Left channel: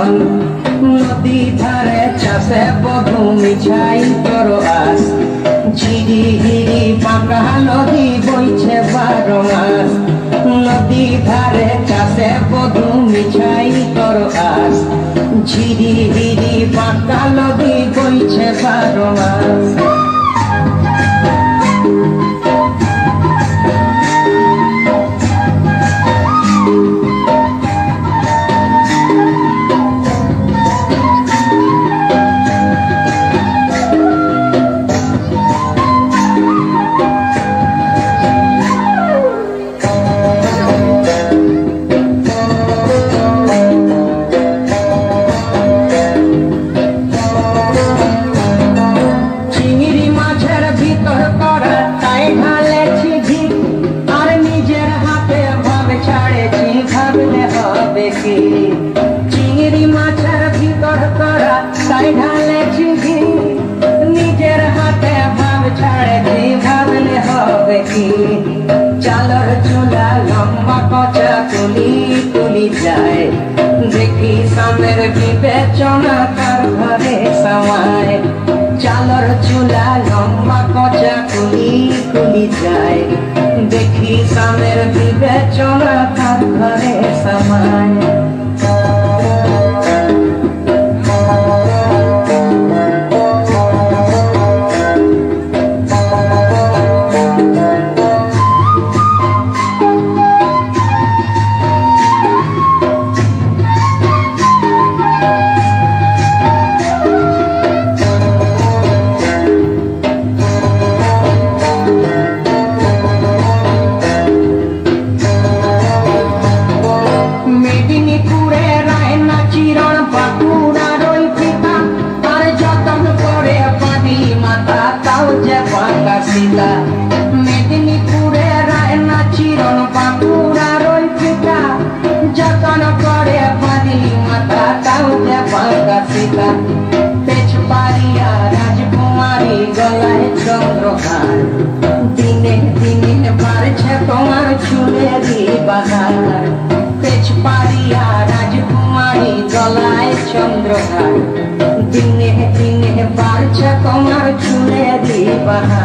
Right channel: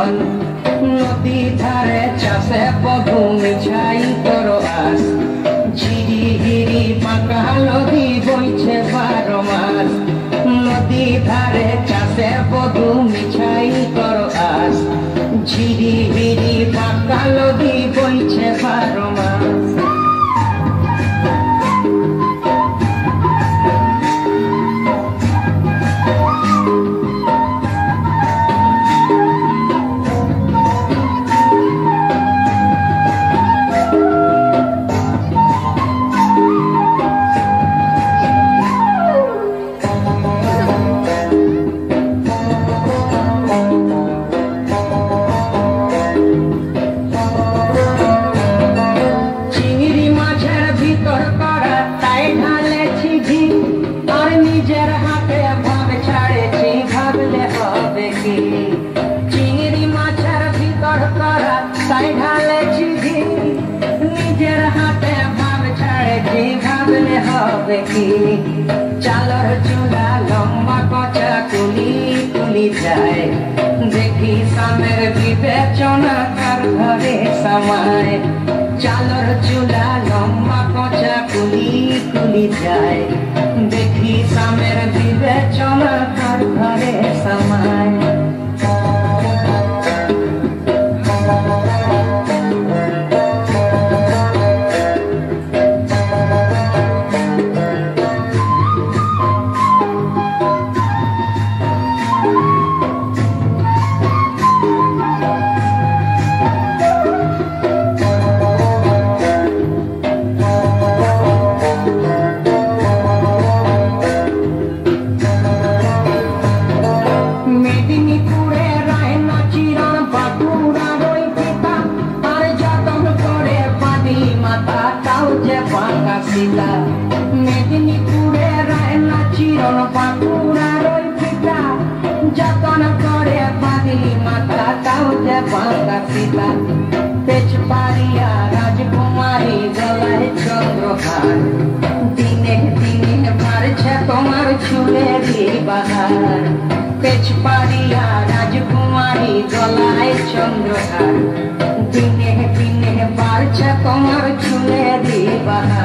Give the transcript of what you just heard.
মন নদী ধারে চাষে বধু মিছাই তোর আস ঝিরি হিরি পাকা নদী বইছে 12 মাস নদী ধারে চাষে বধু মিছাই তোর আস ঝিরি হিরি পাকা নদী বইছে 12 মাস চিংড়ি মাছের ভিতর করা তাই ঢালেছি ঘি নিজের হাতে ভাব ছাড়েছি ভাবলে হবে কি চালর চুলা লম্বা কচা তুলি তুলি যায় দেখি সামের বিবেচনা কার ঘরে সমায় চালর চুলা লম্বা কচা তুলি তুলি যায় দেখি সামের বিবেচনা কার ঘরে সমায় দিনে দিনে বাড়ছে তোমার চুলেরই বাহার পেছ পারিয়া রাজকুমারী গলায় চন্দ্রহার দিনে দিনে বাড়ছে তোমার চুলেরই বাহার